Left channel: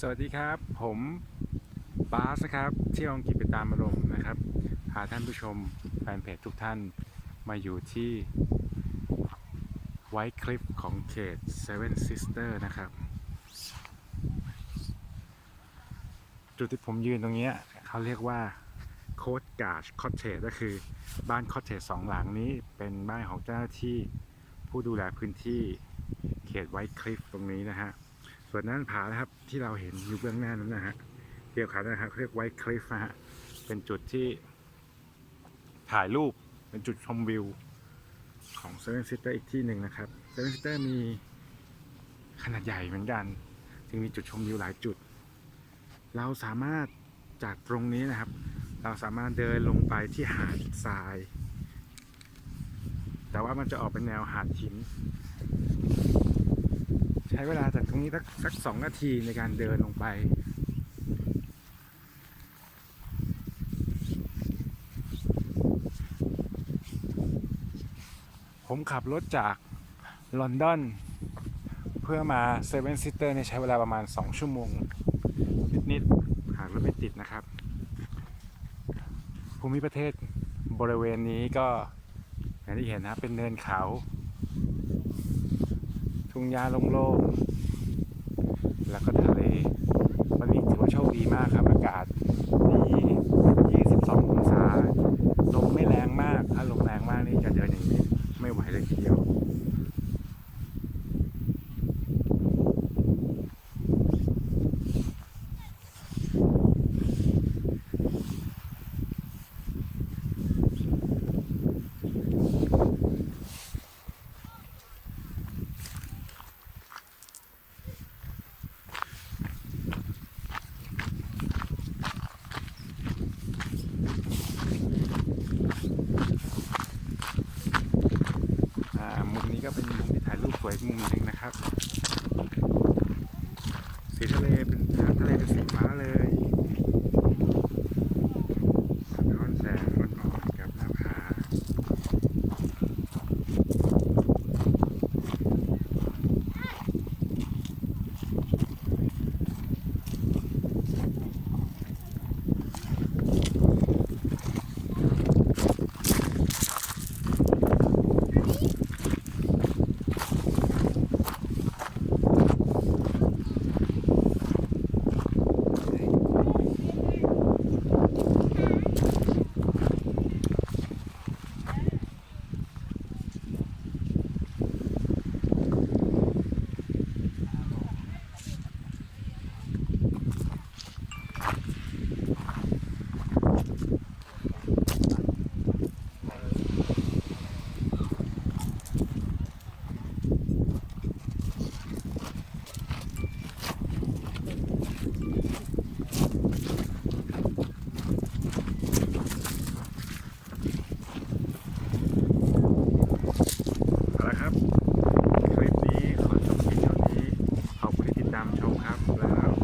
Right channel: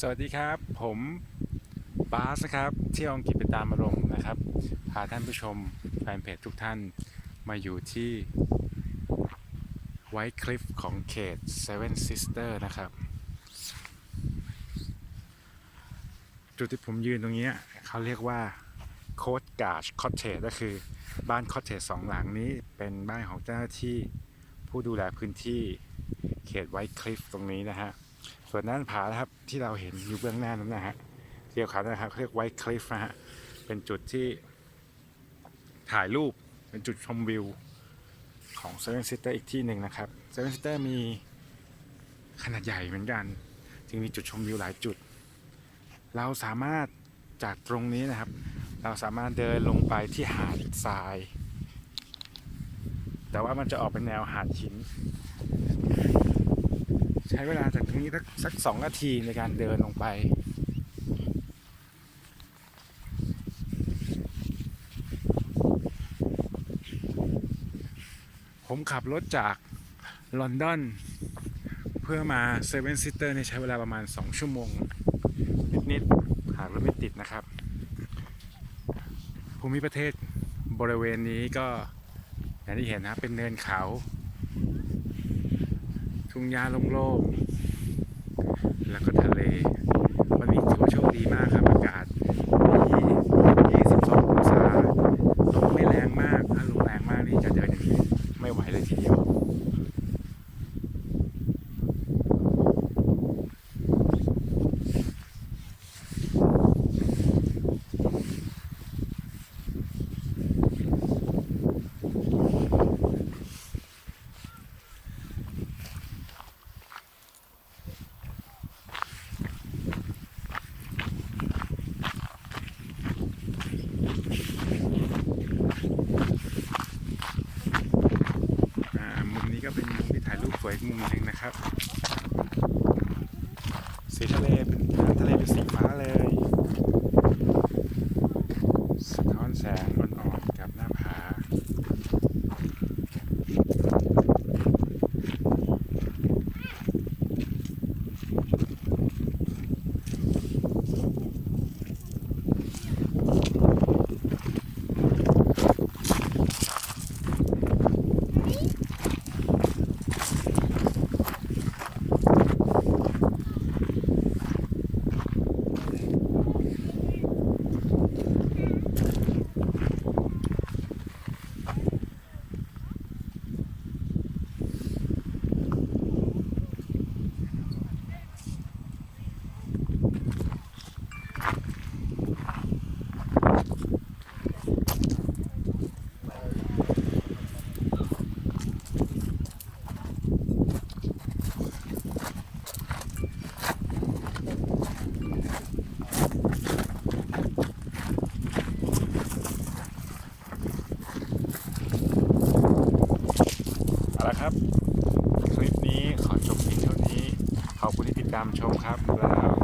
สวัสดีครับ ผมบาสนะครับเที่ยวอังกฤษไปตามอารมณ์นะครับ พาท่านผู้ชมแฟนเพจทุกท่านมาอยู่ที่ไวท์คลิฟของเขต Seven Sister นะครับ จุดที่ผมยืนตรงนี้เขาเรียกว่าโคดกาชคอตเทจก็คือบ้านคอตเทจสองหลังนี้เป็นบ้านของเจ้าหน้าที่ผู้ดูแลพื้นที่เขตไวท์คลิฟตรงนี้นะฮะ ส่วนด้านผานะครับที่เราเห็นอยู่เบื้องหน้านั้นนะฮะเรียกขาวนะครับเขาเรียกไวท์คลิฟนะฮะเป็นจุดที่ถ่ายรูปเป็นจุดชมวิวของเซเว่นซิสเตอร์อีกที่หนึ่งนะครับเซเว่นซิสเตอร์มีขนาดใหญ่เหมือนกัน จึงมีจุดชมวิวหลายจุด เราสามารถจากตรงนี้นะครับ เราสามารถเดินลงไปที่หาดทราย แต่ว่ามันจะออกเป็นแนวหาดหิน ใช้เวลาจากตรงนี้สักสักสองนาทีในการเดินลงไปผมขับรถจากลอนดอน เพื่อมาเซเว่นซิสเตอร์ในยใช้เวลาประมาณ 2 ชั่วโมง นิดๆหากรถไม่ติดนะครับ ภูมิประเทศบริเวณนี้ก็อย่างที่เห็นนะครับเป็นเนินเขา งหญ้าโล่งๆ แล้วก็ทะเล วันนี้ถือว่าโชคดีมากครับอากาศดี22 องศา ลมไม่แรงมาก ถ้าลมแรงมากนี่จะเดินอย่างนี้ ไม่ไหวเลยทีเดียว อ่า มุมนี้ก็เป็นมุมที่ถ่ายรูป สวยอีกมุมหนึ่งนะครับ สีทะเลเป็นสีฟ้าเลย สะท้อนแสงอ่อนๆกับหน้าผา เครับ คลิปนี้ขอจบเพียงเท่านี้ ขอบคุณที่ติดตามชมครับแล้ว